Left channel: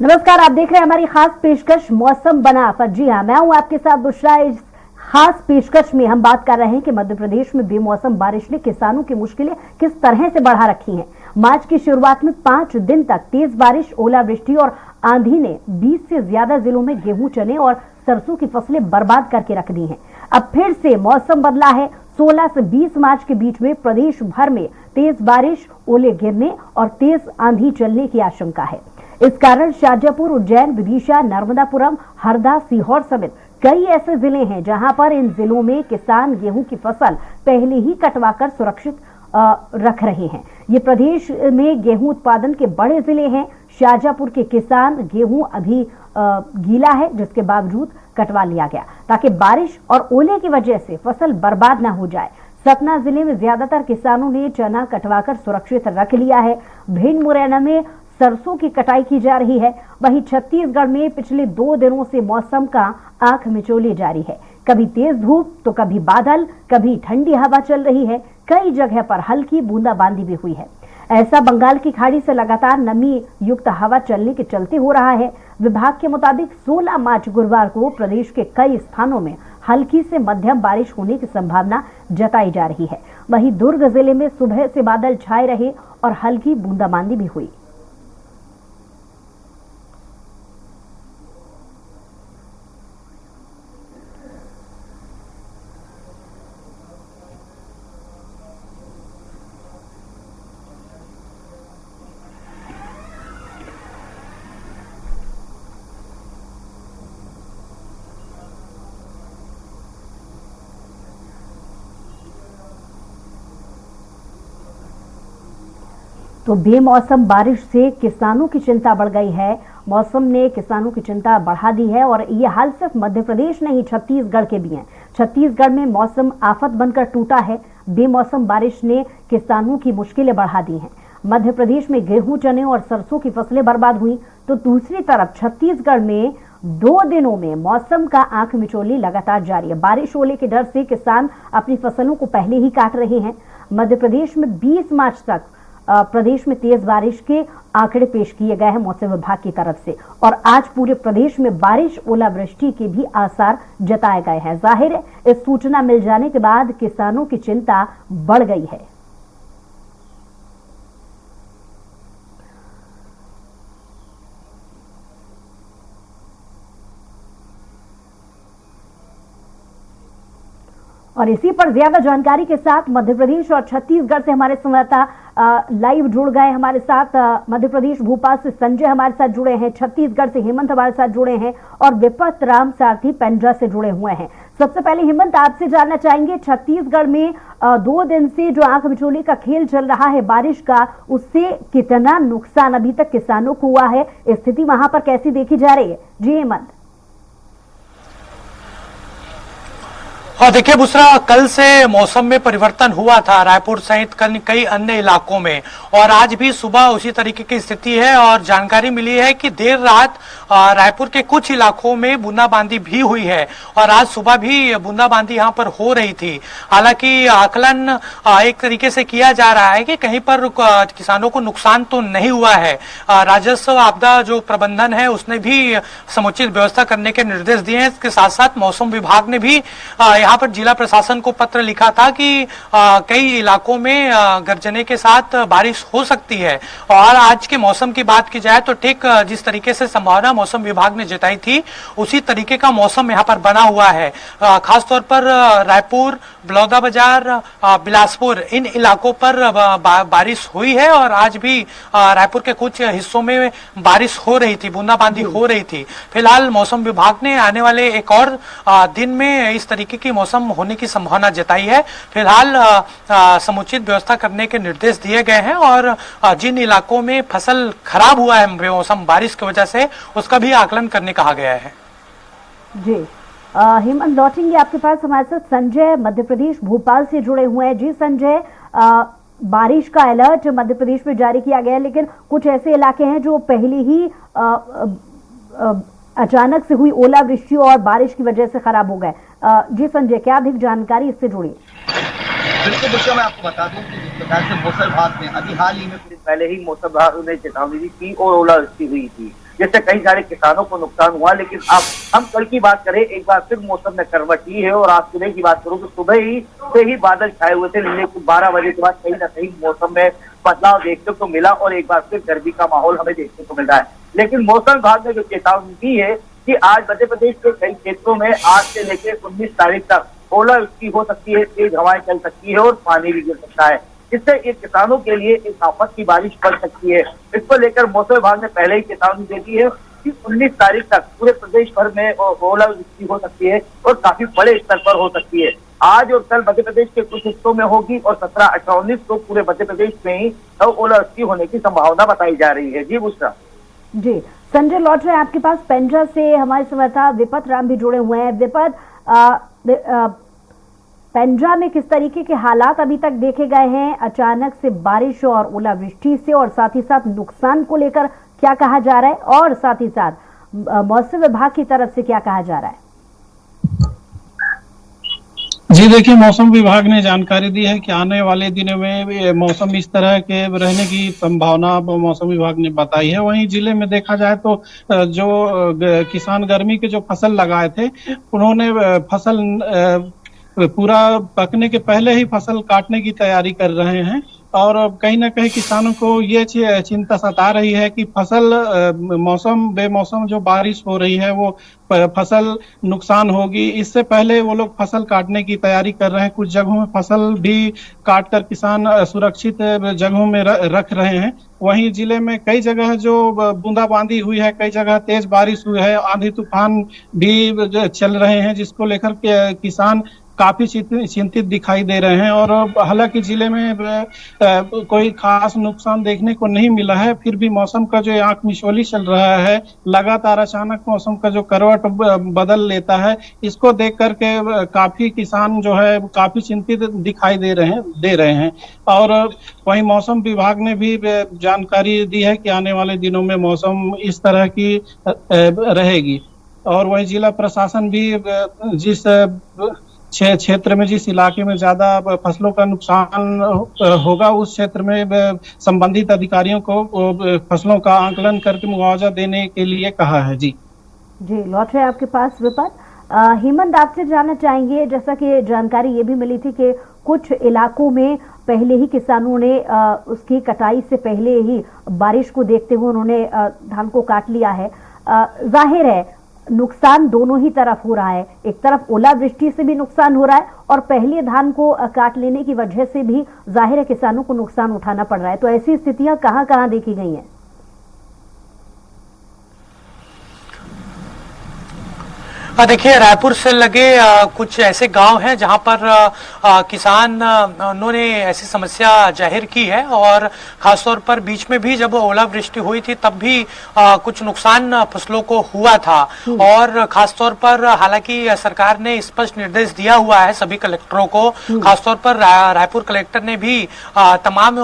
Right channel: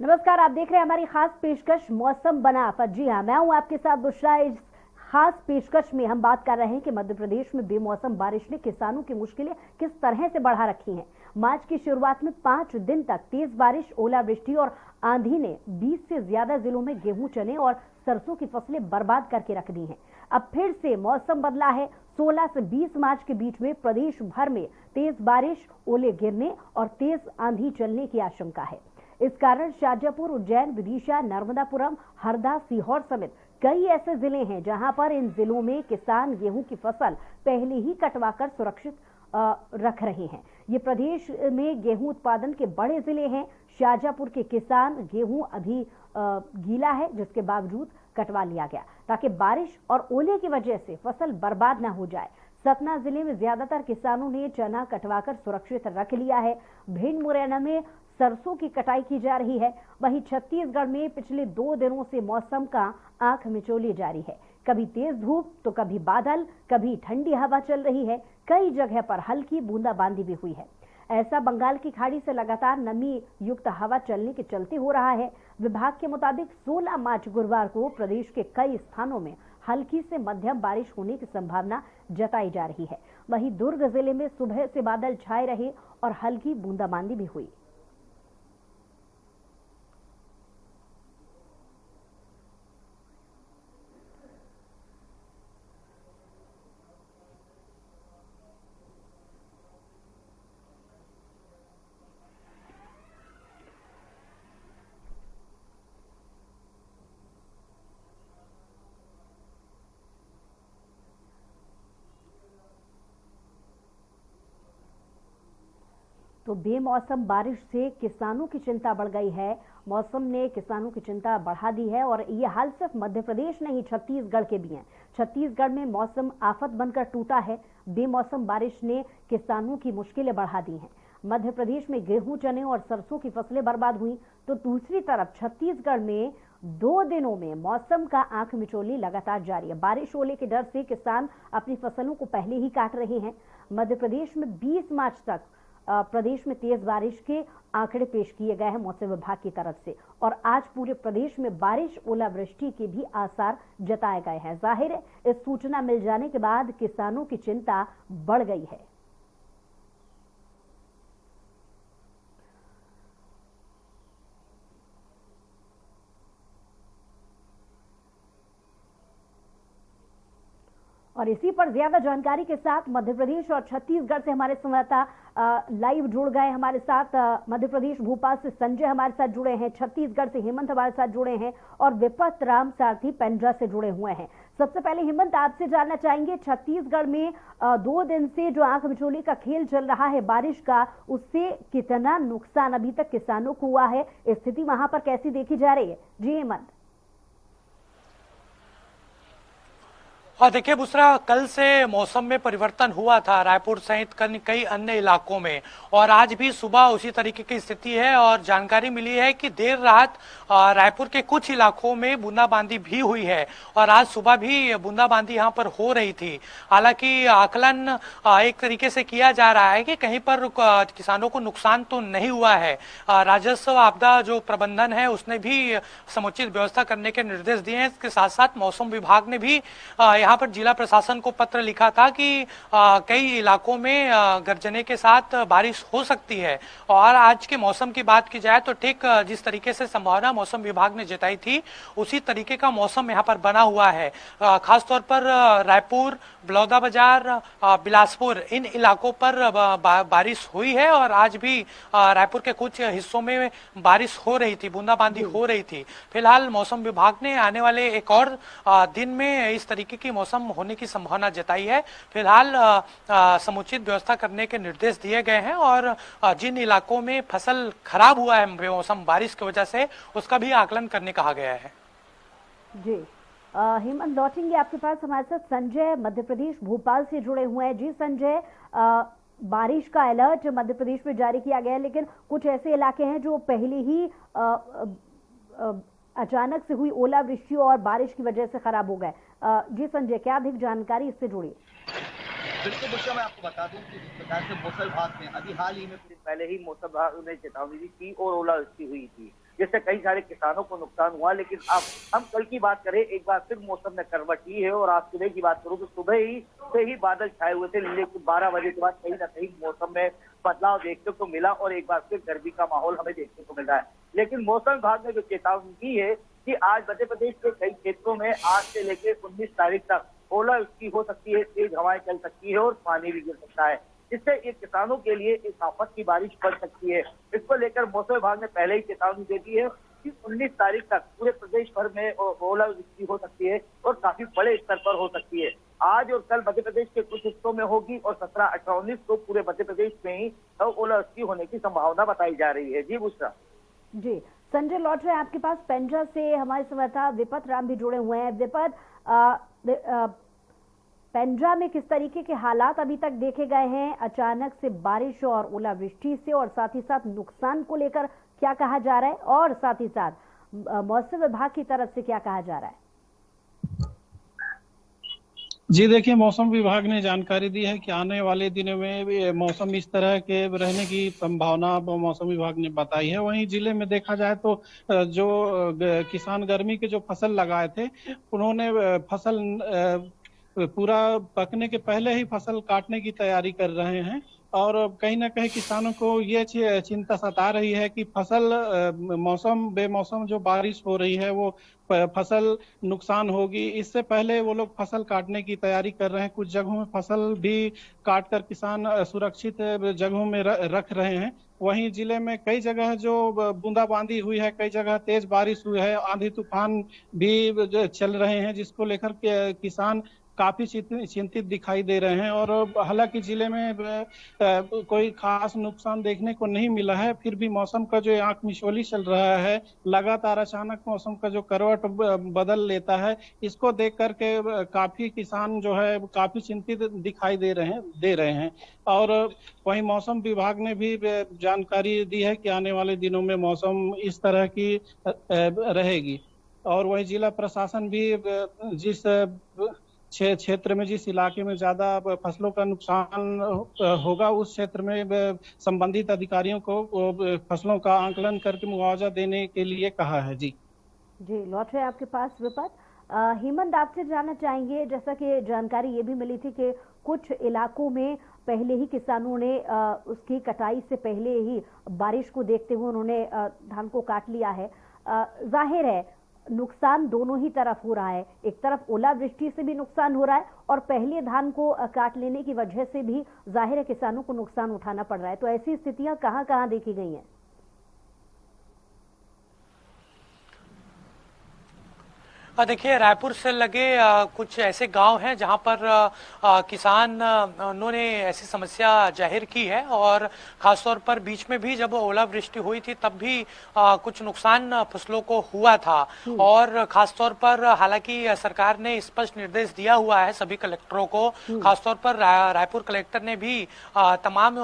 नमस्कार, आप देख रहे हैं हमारी खास पेशकश मौसम बना पर। जी हाँ, मैं हूं आपके साथ बुशरा। इस खास पेशकश में हम बात कर रहे हैं कि मध्य प्रदेश में बेमौसम बारिश ने किसानों की मुश्किलें किस तरह से बढ़ा रखी हैं। मार्च की शुरुआत में 5 दिन तक तेज बारिश, ओलावृष्टि और आंधी ने 20 से ज्यादा जिलों में गेहूं, चने और सरसों की फसलें बर्बाद करके रख दी हैं। अब फिर से मौसम बदला है। 16 से 20 मार्च के बीच में प्रदेश भर में तेज बारिश, ओले गिरने और तेज आंधी चलने की आशंका है। इस कारण शाजापुर, उज्जैन, विदिशा, नर्मदापुरम, हरदा, सीहोर समेत कई ऐसे जिले हैं जहां पर इन जिलों में किसान गेहूं की फसल पहले ही कटवाकर सुरक्षित रख रहे हैं। ये प्रदेश में गेहूं उत्पादन के बड़े जिले हैं। शाजापुर के किसान गेहूं अभी गीला है, जिसके बावजूद कटवा लिया गया ताकि बारिश और ओले की वजह से फसल बर्बाद न हो जाए। सतना जिले में ज्यादातर किसानों ने चना कटवाकर सुरक्षित रख लिया है। भिंड, मुरैना में सरसों की कटाई की जा रही है। वहीं छत्तीसगढ़ में पिछले 2 दिनों से मौसम का आंख मिचौली जारी है। कभी तेज धूप तो कभी बादल, कभी ठंडी हवा चल रही है। कई जगह पर हल्की बूंदाबांदी भी हुई है। ऐसा बंगाल की खाड़ी से लगातार नमी युक्त हवा चलने के चलते हो रहा है। विभाग के मुताबिक 16 मार्च गुरुवार को प्रदेश के कई स्थानों में हल्की से मध्यम बारिश होने की संभावना जताई जा रही है। वहीं दुर्ग जिले में सुबह से बादल छाए रहे और हल्की बूंदाबांदी भी हुई। तो बेमौसम बारिश से किसानों की चिंता बढ़ गई है। मौसम ने किसानों की चिंता बढ़ा दी है और ये हाल सिर्फ मध्य प्रदेश नहीं, छत्तीसगढ़ के भी हैं। छत्तीसगढ़ में मौसम आफत बनकर टूटा है। बेमौसम बारिश ने किसानों की मुश्किलें बढ़ा दी हैं। मध्य प्रदेश में गेहूं, चने और सरसों की फसलें बर्बाद हुई, तो दूसरी तरफ छत्तीसगढ़ में 2 दिनों में मौसम का आंख मिचौली लगातार जारी है। बारिश, ओले के डर से किसान अपनी फसलों को पहले ही काट रहे हैं। मध्य प्रदेश में 20 मार्च तक प्रदेश में तेज बारिश के आंकड़े पेश किए गए हैं मौसम विभाग की तरफ से, और आज पूरे प्रदेश में बारिश, ओलावृष्टि के भी आसार जताए गए हैं। जाहिर है, इस सूचना मिल जाने के बाद किसानों की चिंता बढ़ गई है। और इसी पर ज्यादा जानकारी के साथ मध्य प्रदेश और छत्तीसगढ़ से हमारे संवाददाता लाइव जुड़ गए हमारे साथ। मध्य प्रदेश भोपाल से संजय हमारे साथ जुड़े हैं, छत्तीसगढ़ से हेमंत हमारे साथ जुड़े हैं और विपत राम सारथी पेंड्रा से जुड़े हुए हैं। सबसे पहले हेमंत, आपसे जानना चाहेंगे, छत्तीसगढ़ में 2 दिन से जो आंख मिचौली का खेल चल रहा है बारिश का, उससे कितना नुकसान अभी तक किसानों को हुआ है? स्थिति वहां पर कैसी देखी जा रही है? जी हेमंत। और देखिए बुसरा, कल से मौसम में परिवर्तन हुआ था रायपुर सहित कई अन्य इलाकों में, और आज भी सुबह उसी तरीके की स्थिति है। और जानकारी मिली है कि देर रात रायपुर के कुछ इलाकों में बूंदाबांदी भी हुई है और आज सुबह भी बूंदाबांदी यहां पर हो रही थी। हालांकि आकलन एक तरीके से किया जा रहा है कि कहीं पर किसानों को नुकसान तो नहीं हुआ है। राजस्व आपदा जो प्रबंधन है उसने भी समुचित व्यवस्था करने के निर्देश दिए हैं। इसके साथ साथ मौसम विभाग ने भी यहाँ पर जिला प्रशासन को पत्र लिखा था कि कई इलाकों में गर्जने के साथ बारिश हो सकती है। और आज के मौसम की बात की जाए तो ठीक जिस तरीके से संभावना मौसम विभाग ने जताई थी उसी तरीके का मौसम यहाँ पर बना हुआ है। खासतौर पर रायपुर, बलौदाबाजार, बिलासपुर, इन इलाकों पर बारिश हुई है और आज भी रायपुर के कुछ हिस्सों में बारिश हो रही थी, बूंदाबांदी हो रही थी। फिलहाल मौसम विभाग ने आने वाले एक और दिन में इस तरीके की मौसम होने की संभावना जताई है। फिलहाल समुचित व्यवस्था करने के निर्देश दिए गए हैं और जिन इलाकों में फसल खराब हुआ है बेमौसम बारिश की वजह से, उसका भी आकलन करने कहा गया है। जी हेमंत, लौटेंगे आपके पास। हमारे साथ संजय मध्य प्रदेश भोपाल से जुड़े हुए हैं। जी संजय, बारिश का अलर्ट मध्य प्रदेश में जारी किया गया है, लेकिन कुछ ऐसे इलाके हैं जो पहले ही अचानक से हुई ओलावृष्टि और बारिश की वजह से खराब हो गए। जी संजय, क्या अधिक जानकारी इससे जुड़ी? बिल्कुल बुशरा, मैं आपको बता दूं कि जिस प्रकार से मौसम विभाग ने अभी हाल ही में कुछ पहले ही मौसम विभाग ने चेतावनी दी थी और ओलावृष्टि हुई थी, जिससे कई सारे किसानों को नुकसान हुआ। लेकिन अब हम कल की बात करें, एक बार फिर मौसम ने करवट ली है और आज सुबह की बात करूं तो सुबह से ही बादल छाए हुए थे, लेकिन 12 बजे के बाद कहीं ना कहीं मौसम में बदलाव देखने को मिला और एक बार फिर गर्मी का माहौल हमें देखने को मिल रहा है। लेकिन मौसम विभाग ने जो चेतावनी दी है कि आज मध्य प्रदेश के कई क्षेत्रों में आज से लेकर 19 तारीख तक ओलावृष्टि हो सकती है, तेज हवाएं चल सकती है और पानी भी गिर सकता है, जिससे ये किसानों के लिए एक आफत की बारिश पड़ सकती है। इसको लेकर मौसम विभाग ने पहले ही चेतावनी दे दी है कि 19 तारीख तक पूरे प्रदेश भर में ओलावृष्टि हो सकती है और काफी बड़े स्तर पर हो सकती है। आज और कल मध्य प्रदेश के कुछ हिस्सों में होगी और 17, 18, 19 को पूरे मध्य प्रदेश में ही ओलावृष्टि होने की संभावना बताई जा रही है। जी बुशरा। जी संजय, लौट रहे हैं आपके पास। पेंड्रा से हमारे संवाददाता विपत राम भी जुड़े हुए हैं। विपत, पेंड्रा में किस तरीके के हालात अभी तक देखे गए हैं अचानक से बारिश और ओलावृष्टि से, और साथ ही साथ नुकसान को लेकर क्या कहा जा रहा है, और साथ ही साथ मौसम विभाग की तरफ से क्या कहा जा रहा है? जी देखिए, मौसम विभाग ने जानकारी दी है कि आने वाले दिनों में मौसम इस तरह के रहने की संभावना मौसम विभाग ने बताई है। वहीं जिले में देखा जाए तो जो किसान गर्मी के जो फसल लगाए थे, उन्होंने फसल पूरा पकने के पहले ही फसल काटने की तैयारी कर रहे हैं और कहीं ना कहीं किसानों को ये चिंता सता रही है कि फसल मौसम बेमौसम जो बारिश हो रही है वो फसल नुकसान होगी। इससे पहले वो लोग फसल काटने की तैयारी कर रहे हैं। कुछ जगहों में फसल भी काट कर किसान सुरक्षित जगहों में रख रहे हैं। वहीं जिले में कई जगह जो बूंदाबांदी हुई है, कई जगह तेज बारिश हुई है, आंधी तूफान भी चल रहे हैं, जिसको लेकर के किसान काफी चिंतित दिखाई दे रहे हैं। और हालांकि जिले में कोई खास नुकसान देखने को नहीं मिला है, फिर भी मौसम का जो आंख मिचौली चल रहा है, लगातार अचानक मौसम का जो करवट बदल लेता है, इसको देख करके काफी किसान जो है काफी चिंतित दिखाई दे रहे हैं। और वहीं मौसम विभाग ने भी जानकारी दी है कि आने वाले दिनों में मौसम इस तरह की रहेगी। और वहीं जिला प्रशासन भी जिस क्षेत्र में, जिस इलाके में ज्यादा फसलों का नुकसान होगा, उस क्षेत्र में संबंधित अधिकारियों को फसलों का आंकलन करके मुआवजा देने के लिए कहा है। जी लौट रहे आपके पास विपत। हेमंत, आपसे जानना चाहेंगे, जैसा कि जानकारी ये भी मिली थी कि कुछ इलाकों में पहले ही किसानों ने उसकी कटाई से पहले ही बारिश को देखते हुए उन्होंने धान को काट लिया है। जाहिर है नुकसान दोनों ही तरफ हो रहा है, एक तरफ ओलावृष्टि से भी नुकसान हो रहा है और पहले धान को काट लेने की वजह से भी जाहिर है किसानों को नुकसान उठाना पड़ रहा है। तो ऐसी स्थितियां कहां-कहां देखी गई हैं? देखिए, रायपुर से लगे कुछ ऐसे गांव हैं जहां पर किसान उन्होंने ऐसी समस्या जाहिर की है और खासतौर पर बीच में भी जब ओलावृष्टि हुई थी तब भी कुछ नुकसान फसलों को हुआ था। और खासतौर पर हालांकि सरकार ने स्पष्ट निर्देश दिया हुआ है सभी कलेक्टरों को, खासतौर पर रायपुर कलेक्टर ने भी तमाम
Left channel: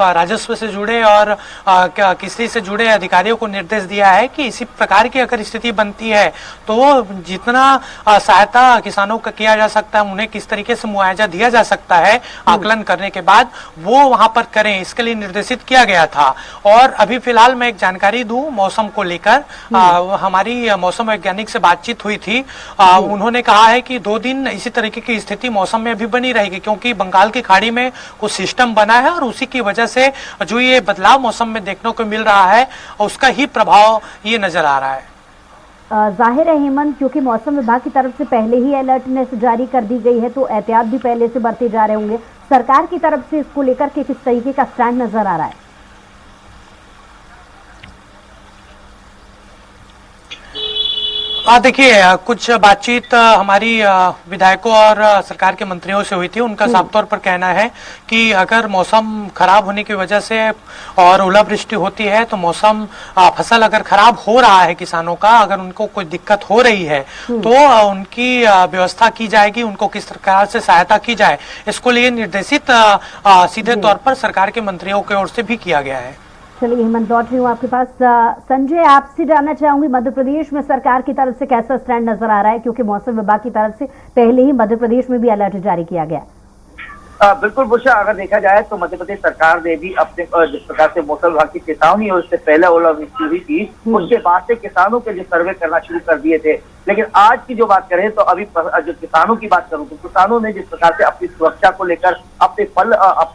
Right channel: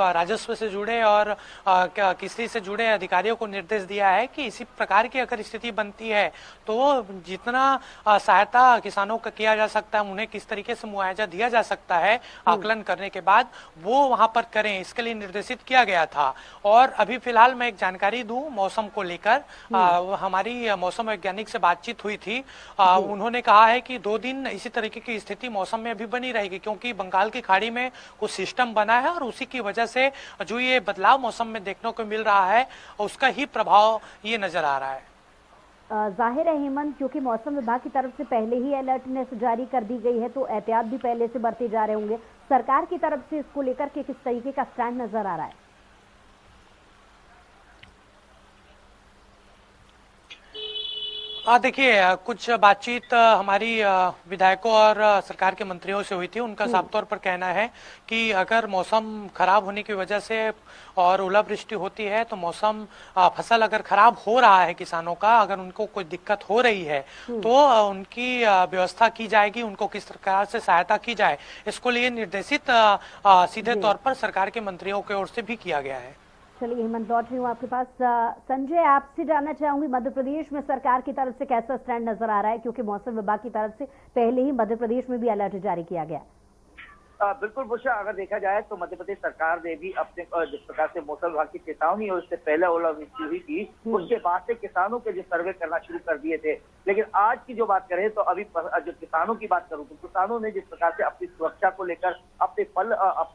राजस्व से जुड़े और कृषि से जुड़े अधिकारियों को निर्देश दिया है कि इसी प्रकार की अगर स्थिति बनती है तो जितना सहायता किसानों का किया जा सकता है, उन्हें किस तरीके से मुआवजा दिया जा सकता है आकलन करने के बाद, वो वहां पर करें, इसके लिए निर्देशित किया गया था। और अभी फिलहाल मैं एक जानकारी दूं मौसम को लेकर, हमारी मौसम वैज्ञानिक से बातचीत हुई थी। उन्होंने कहा है कि 2 दिन इसी तरीके की स्थिति मौसम में अभी बनी रहेगी, क्योंकि बंगाल की खाड़ी में कुछ सिस्टम बना है और उसी की वजह से जो ये बदलाव मौसम में देखने को मिल रहा है उसका ही प्रभाव ये नजर आ रहा है। जाहिर है हेमंत, क्योंकि मौसम विभाग की तरफ से पहले ही अलर्टनेस जारी कर दी गई है तो एहतियात भी पहले से बरते जा रहे होंगे। सरकार की तरफ से इसको लेकर के किस तरीके का स्टैंड नजर आ रहा है? देखिए, कुछ बातचीत हमारी विधायकों और सरकार के मंत्रियों से हुई थी। उनका साफ तौर पर कहना है कि अगर मौसम खराब होने की वजह से और ओलावृष्टि होती है तो मौसम फसल अगर खराब हो रहा है किसानों का, अगर उनको कोई दिक्कत हो रही है तो उनकी व्यवस्था की जाएगी, उनको किस प्रकार से सहायता की जाए, इसको लिए निर्देशित सीधे तौर पर सरकार के मंत्रियों की ओर से भी किया गया है। चलिए हेमंत, लौट रही हूँ आपके पास। संजय, आपसे जानना चाहूंगी मध्य प्रदेश में सरकार की तरफ से कैसा स्टैंड नजर आ रहा है, क्योंकि मौसम विभाग की तरफ से पहले ही मध्य प्रदेश में भी अलर्ट जारी किया गया। बिल्कुल बुशरा, अगर देखा जाए तो मध्य प्रदेश सरकार ने भी अपने जिस प्रकार से मौसम विभाग की चेतावनी और उससे पहले ओलावृष्टि हुई थी, उसके बाद से किसानों के जो सर्वे करना शुरू कर दिए थे। लेकिन आज की जो बात करें तो अभी जो किसानों की बात करूं तो किसानों ने जिस प्रकार से अपनी सुरक्षा को लेकर, अपने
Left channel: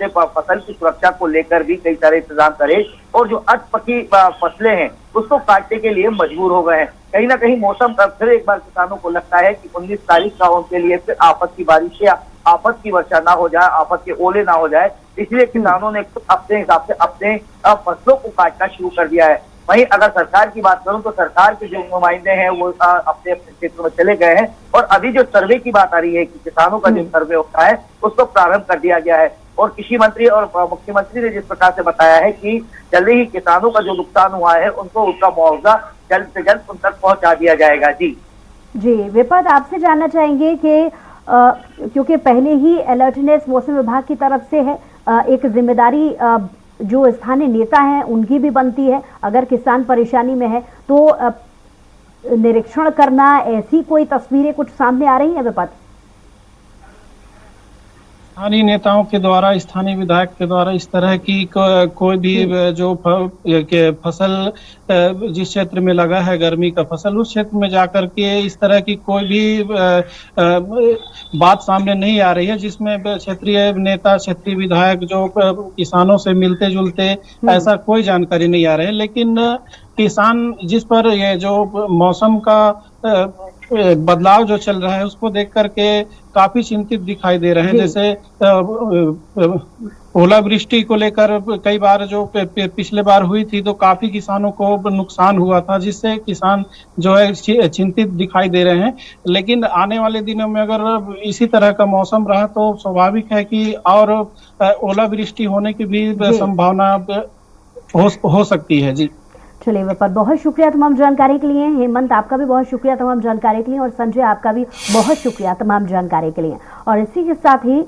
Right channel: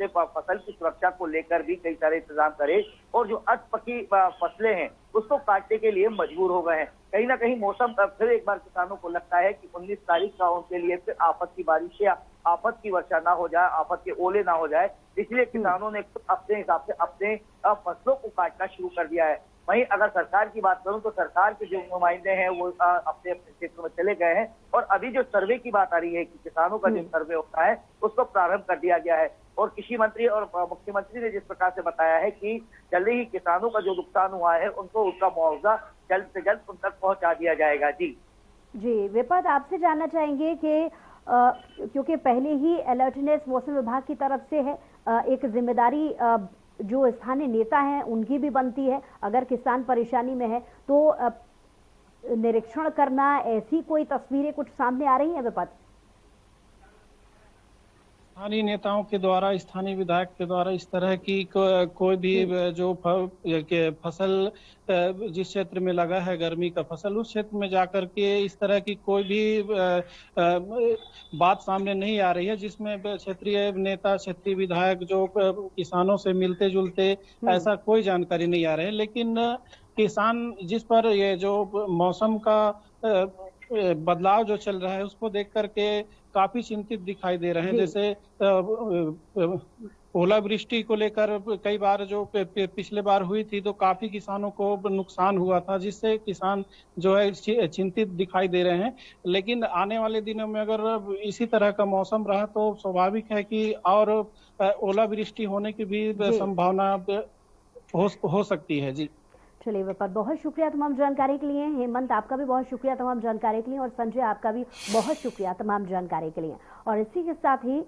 फसल की सुरक्षा को लेकर भी कई सारे इंतजाम करे और जो अध पकी फसलें हैं उसको काटने के लिए मजबूर हो गए हैं। कहीं ना कहीं मौसम फिर एक बार किसानों को लगता है कि 19 तारीख का उनके लिए फिर आफत की बारिश या आफत की वर्षा ना हो जाए, आफत के ओले ना हो जाए, इसलिए किसानों ने अपने हिसाब से अपने फसलों को काटना शुरू कर दिया है। वहीं अगर सरकार की बात करूं तो सरकार के जो नुमाइंदे हैं वो अपने अपने क्षेत्र में चले गए हैं और अभी जो सर्वे की बात आ रही है कि किसानों का जो सर्वे होता है उसको प्रारंभ कर दिया गया है। और कृषि मंत्री और मुख्यमंत्री ने जिस प्रकार से बताया है कि जल्दी ही किसानों का जो नुकसान हुआ है उनको उसका मुआवजा जल्द से जल्द उन तक पहुंचा दिया जाएगा। जी विपद, आपसे जानना चाहेंगे कि क्योंकि पहले ही अलर्टनेस मौसम विभाग की तरफ से है, एक जिम्मेदारी जो स्थानीय नेता हैं उनकी भी बनती है। अगर किसान परेशानी में है तो निरीक्षण करना, ऐसी कोई तस्वीरें कुछ सामने आ रही हैं विपद? स्थानीय नेताओं के द्वारा, स्थानीय विधायक के द्वारा इस तरह की कोई भी जो फसल जिस क्षेत्र में लगा है गर्मी का फसल, उस क्षेत्र में जाकर के इस तरह की कोई भी बात सामने नहीं आ रही है जिसमें क्षेत्रीय नेता, क्षेत्रीय विधायक जो किसानों से मिलते जुलते, ऐसा कोई जानकारी नहीं आ रही है। लेकिन किसान जिस पर ये जो मौसम का बदलाव जो चल रहा है उसको देख करके काफी चिंतित दिखाई दे रहे हैं। जैसे ओलावृष्टि को लेकर कई बार जो पिछले बार हुई थी तो काफी किसानों को नुकसान हुआ था, जिससे किसान जो है चिंतित दिखाई दे रहे हैं। लेकिन आने वाले दिनों में अगर इसी तरह का मौसम रहा तो स्वाभाविक है कि और ओलावृष्टि होने की भी संभावना हो सकती है। जी चलिए विपद, बहुत शुक्रिया तमाम जानकारी के लिए। हेमंत, आपका भी बहुत शुक्रिया तमाम जानकारी के लिए और संजय, आपका भी बहुत शुक्रिया तमाम जानकारी के लिए। और इसी के साथ ही